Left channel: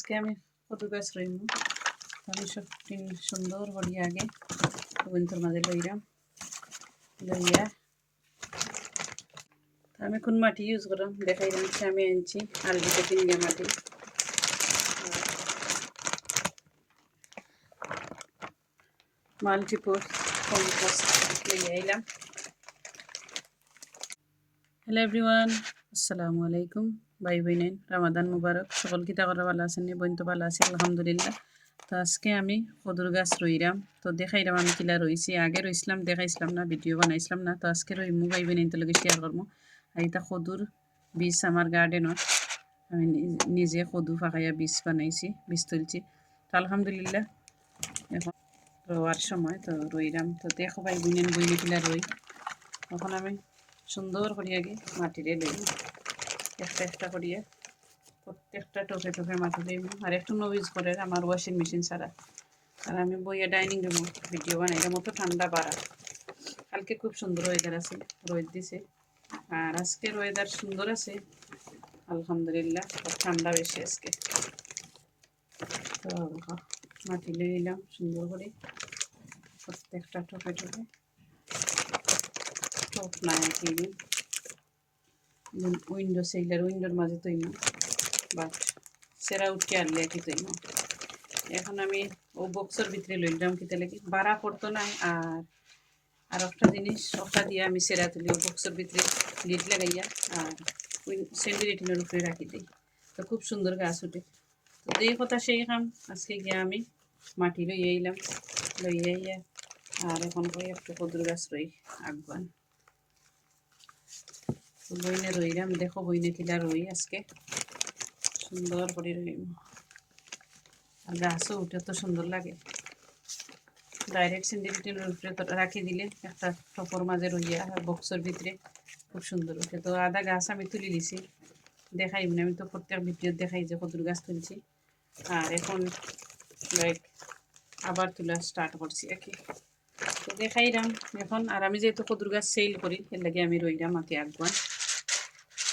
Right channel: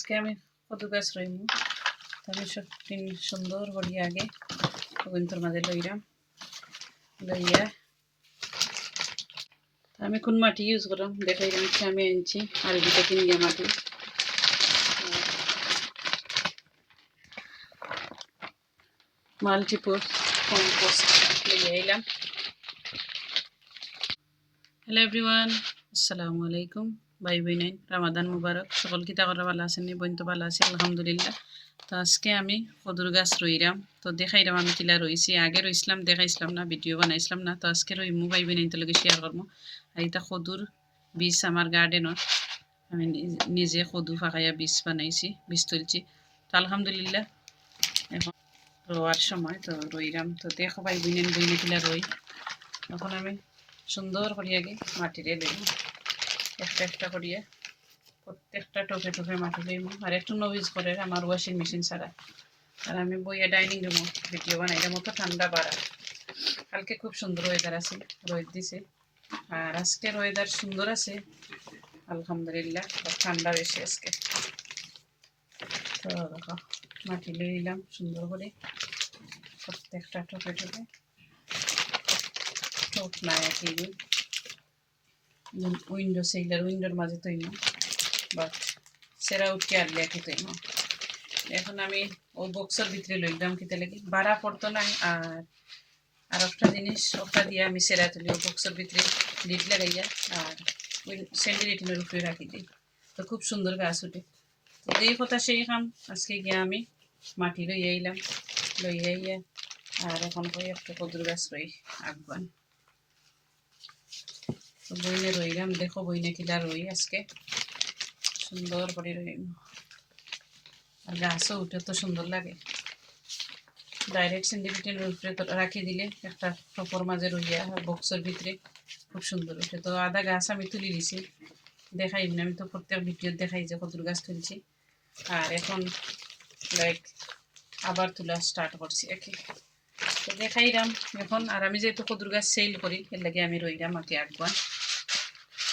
আজকে আমি কদু গাছ রইমু আমি সব সুন্দর করে আগে গোবিন্দর মাঝে লইলাম লইয়া আমি কোন মাটি ইউজ করলাম দেখাই দিচ্ছি। আমি আনছি আলবিটা কিনিয়া মাটি মাল্টিপোর্স কম্পোস্ট লইয়া এলাম। হ্যালো এভরিওয়ান, আসসালামু আলাইকুম। বাই বাই নাইন রামাদান মুবারক। সকল কিতা করা ভালো আছেন? বোন তো ভালো আছে আলহামদুলিল্লাহ। তো আজকে আমি কদুর গাছ রইলাম, তো দেখাইলাম আমি কিলা রইছি। আগে রইছিলাম দেখাইছিলাম না, ভিডিও বানাইছিলাম না। তো আজকে রইমু বাই বাই নাইন তো লগে শেয়ার করবো। আর এটা কদুর বীজ আমার গার্ডেনত আমি নিজে কদু ফাঁকাইয়া বীজ বানাইছি, বীজ তুলছি। তো আলহামদুলিল্লাহ এখন রোয়ার সময় তো রইলাম। তো দেখো বাই বইনেন বইনে কিলা রই। এখন আমি সুন্দর করিয়া আগে মাটিরে লইব, একটা একটা করিয়া প্রত্যেকটা টপে টপে মাটি লইব। আর একটু নইজ করে আমার ওয়াশিং মেশিন ছাড়া। আর আমি বইয়া ডাইনিং রুমে ভিডিও বানাইলাম, মতো ঠান্ডা বাড়া। কালকে খুব সুন্দর ওয়েদার আছে, রোদ দিছে। আর আজকের ওয়েদার সুন্দর আছে আলহামদুলিল্লাহ, ঠান্ডা বেশি আজকে। তো দেখো মাটি লইলাম সুন্দর করে প্রত্যেকটা টপে টপে। টপ না কি উইন্ডো সেইলার উইন্ডোর মাঝে তৈরি বা সেরা উঠকে আনলে কি তৈরি। এখন আমি ও বক্সের ভিতরে লইলাম কিতে লাগি বাড়া পড়তো না। আর একটা জিনিস ওটা দিয়ে আমি সেরা তুলি ও বক্সের ভিতরে লিড লাগাইয়া আর সেন্টিরেটিনের উপরে রাখি দিই, তো খুব সুন্দর গাছ উঠে। তো এই কথা সেই কাম আজকে গিয়ে আমি মাটি লইয়া এলাম, লইয়া ইয়া আর এখন কই একটা কদুর গাছ রই আগুয়ান। তো বইনে রইলাম, দেখো বইনে কিলা রই আজকে সুন্দর করে রইম। আর গাছও উঠে তো সুন্দর লাগে। ডাইরেক্ট সিন্ডিকেটের উপরে রাখি দিলে একটা টপর মাঝে রইয়া বক্সের ভিতরে খুব সুন্দর উঠে। তো আধা গাছ আমি তুলে দিছি, দেখাই না আমি তো প্রত্যেক ভিডিও দেখাই যে কদুর গাছ তুলছি। আর এখন লাইক আবার তোলা স্টার্ট করছি আর কি, তো দেখাইলাম এখন। আর আমি যেহেতু কদুর গাছ সেল করি এর লাগে আমি রইলাম আর কি আগুয়ান।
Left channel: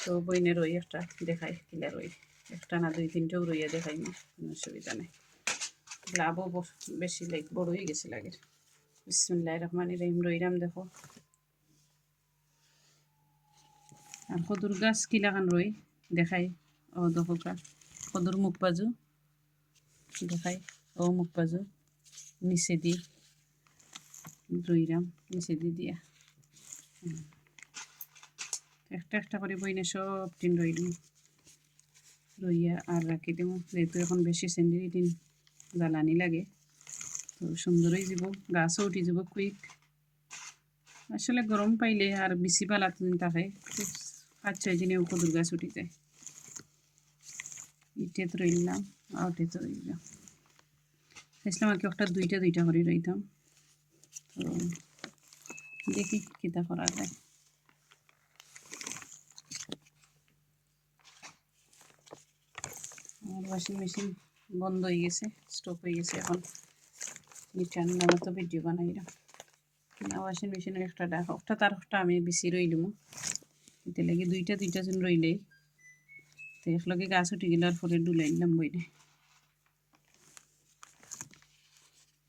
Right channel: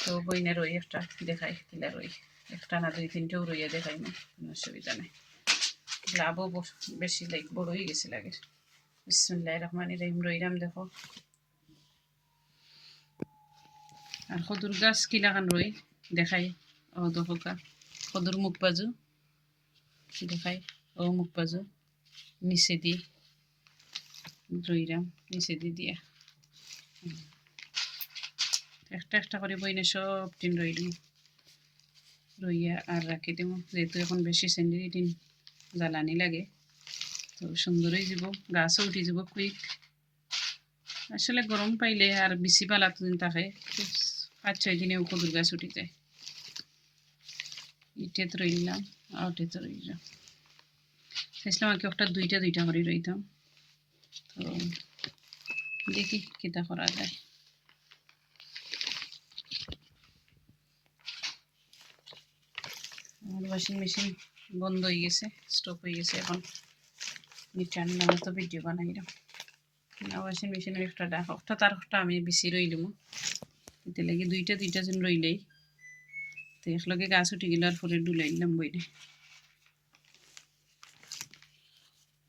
তো বইনে রই একটা দেখাই কিলা রই, একটা না দুই তিনটেও রইয়া দেখাই না, কোনো অসুবিধা নেই। লাভও বেশি লাইক বড় হয়ে গেছে লাগে। বিসমিল্লাহির রহমানির রহিম রইলাম দেখো। আর কদুর গাছ কিলাখান রই দেখাই। ও দেখো কদুর মুখ বাজু দেখাই, ও মুখ বাজু নিচে দি রইলাম, নিচে দিয়া একটা একটা করে বইনে সব দিন রইলাম রইয়া আর রাখি দেবো। যেহেতু এখন বেশি সেন্ডিটিন জ্বালানি লাগে, তো সুন্দর হয়ে যাব, গাছও উঠে যাব কুইক। আসলে গরম পাইলে আর বেশি পালা দিন থাকে 5-6 দিনেও কদুর গাছ উঠে যায়। ইটেত রইলাম আর ওটেত রইলাম, চাইছিলাম আর কি একটা দুইটা দুইটা করে রইতাম। তো দেখি কিতা করা যায়। আমার ওয়াশিং মেশিন বন্ধ হয়ে গেছে, স্টপ হয়ে গেছে। এখন রিটার্ন নামে তো ভিডিও বানাইলাম না। ওয়াশিং মেশিনের একটা তার একটা আমি বেশি রইলাম, এতে লাগে দুইটা দুইটা জন রইলেই তো একলগে গাছ উঠে গেলে আর পরে ডুলাইলাম বইলে।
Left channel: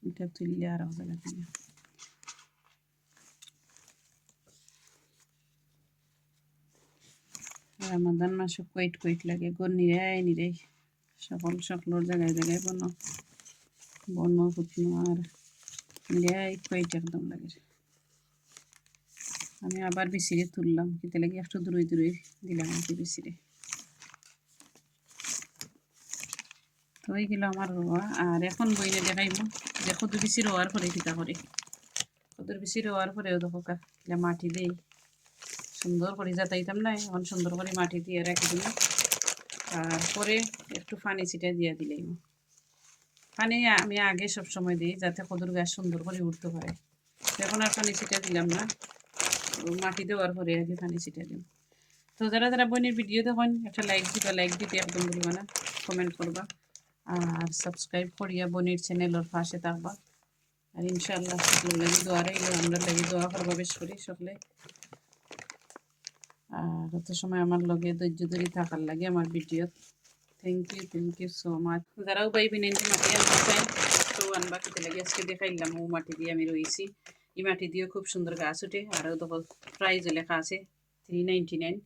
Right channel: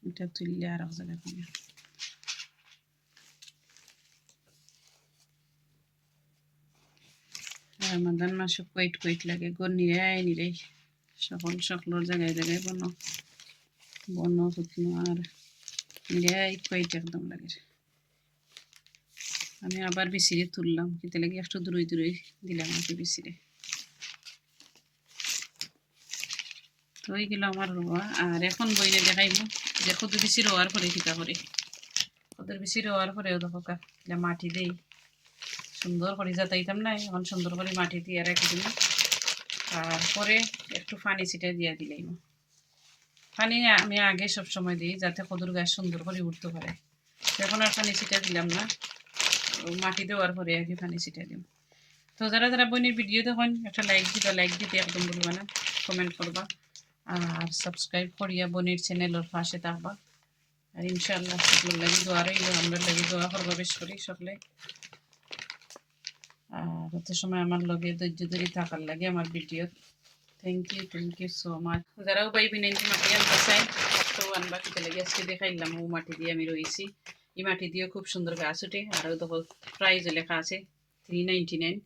এটা তুললে আর এক জায়গা থেকে রামাদান মাসে কোয়েট কোয়েট লাগে গো নিরাই সকলের জায়গায় জায়গায় বন ফুটনো আর নিরাই কোয়েট একদম লাগে। আমি আবার বিচিরে তুললাম কিতে লাগে একটু দূরে দূরে দিলাম আর কি বিচিরে। তো ওই গেল আমার রোয়া। আর এখন বইনে দেখাইব যে কদু বিচি রোয়ার পরে কিতা করে। কদুর বিচি রোয়ার পরেও দেখো কিলা মাটি দেই সুন্দর করে যাতাইতাম না, এখন সুন্দর করে মাটি দিয়ে রাখি দিলাম। আর পরে একটু পানি ছিটা দিয়া দিলাম। পানি আমি আগে সব সময় দিই যাতে কদুর গাছ সুন্দর করে উঠতে পারে। এখন আর পানি ছিটা দিলাম না, মাটি দেওয়ার পরে আর কি পানি ছিটা দিলাম। তো যারা যারা বোনের ভিডিও দেখেন একটা লাইক দিবা, লাইক দিতে একদম বলবা না, কমেন্ট করবা আর সাবস্ক্রাইব করিয়া বোনের চ্যানেলের পাশে থাকবা। আর ইনশাআল্লাহ সকলের লাগে দোয়া রইল, আমরা লাগে দোয়া করবা বেশ করি সকলে। আর এত সময় আমার লগে ধৈর্য ধরে থাকার লাগে আমার video. Thank you so much. যারাও ভাই বিনাইন মাটি আনতে চাই তো আনবা কিতে লাগে আজকে দেখাইলাম ও মাটি দিয়ে আমি রয়েছি। এই মাটি দিয়েও খুব সুন্দর গাছ ওঠে। আরও দেখো প্রাইজও লেখা আছে 399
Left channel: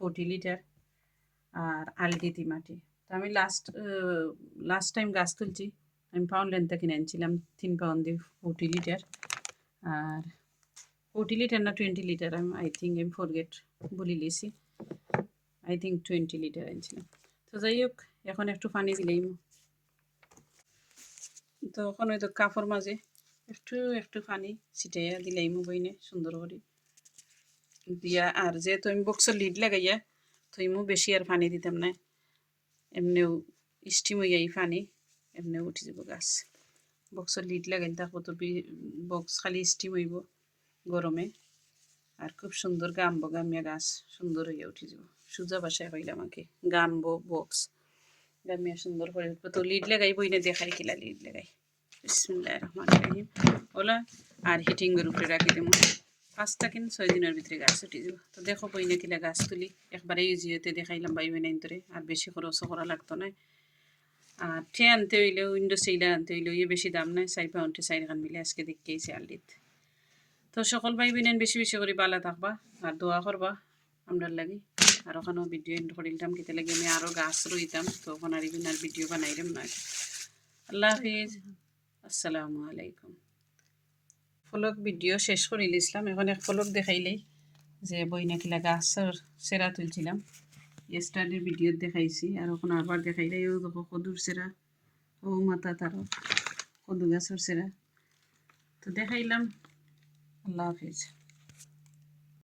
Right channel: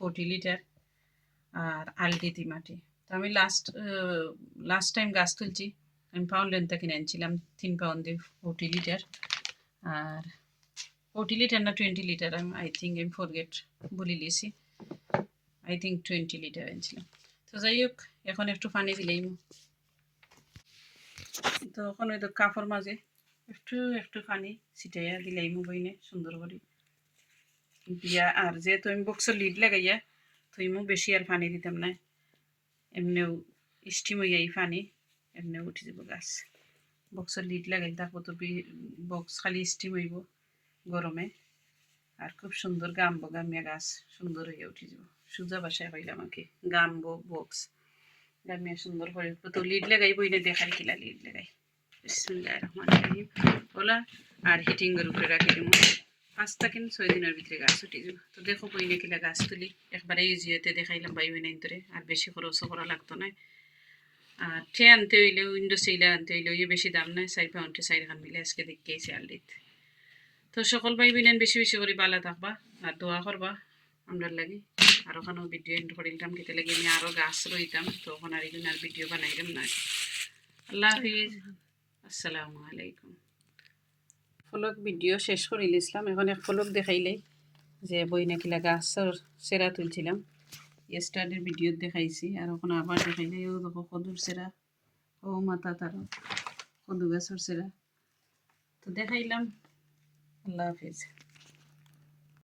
40 লিটার আর আলটিতি মাটি। তো আমি লাস্ট টাইম গাছ তুলছি আমি পাউন্ড কিনে আনছিলাম 3 পাউন্ড দিয়ে 40 লিটার আর 40 লিটার না 20 লিটার আই থিঙ্ক আমি ফরগেট বলে লিয়েছি। আই থিঙ্ক 20 লিটার আনছিলাম। তো যাই হোক এখন একটু পানি দিলেই তো এখন ওই তো কাপড় মাঝে একটু একটু পানি ছিটাইয়া দিলেই বইনে সুন্দর করে দিয়া। আর যেহেতু আমি বক্সের লিড লাগাইয়া তো ইমু বেশি আর পানি দিতাম না, এমনিও স্টিম হইয়া এই পানি এমনিও উঠে যাব গাছ। বক্সের লিড লাগাইলে তারপর তো বক্স খালি স্টিম হইব গরমে আর খুব সুন্দর গামবো, গামিয়া গাছ সুন্দর হইয়া উঠে যাব। সোজা বাসায় হইলাম আমাকে গামবো বক্স গামিয়া সুন্দর করে উঠবো। তো লিড লাগাই বইনে দেখাই কিলা লিড লাগাই বিসমিল্লাহির রহমানির রহিম ওলা আর হিটিংয়ের উপরে রাখি দেবো 5 থেকে 6 দিনের ভিতরে গাছ উঠে যাব। তো দেখো বইনে কিলা গাছ তুলি একবারে ইউজিওতে দেখাইলাম বাই বইনাইন ধরে আর বেশি খরচও করা লাগতো না। আর ট্রে আনতে হইলেও উইন্ডো সিলার আনতে হইলেও বেশি দাম নাই 4 পাউন্ডে 4 খান মিলে আজকে দেখেছি আলডিত। তো সকল ভাই বোনেন বেশি বেশি করে বালা থাকবা আর দোয়া করবা আমরা লাগি। আর ওখানেও ভিডিও এন্ড করিলাম কেটে লাগে আমি আরও গাছ রইতাম তো ওখানে আর এগুলো আর ভিডিও বানাইলাম না। আল্লাহ হাফিজ, আসসালামু আলাইকুম। ফলক ভিডিও শেষ করে নিয়েছিলাম, এখন এক ফলক দেখাইলেই যে বই নাকিলা গাছের সেরা তুলছিলাম ইয়েস্টারডের ভিডিও দেখাইছি। আর ওখানে আবার দেখাইলে ও দেখো কদুর সেরা ও মাথা তারও কদু গাছের সেরা তো দেখাইলাম। আল্লাহ হাফিজ।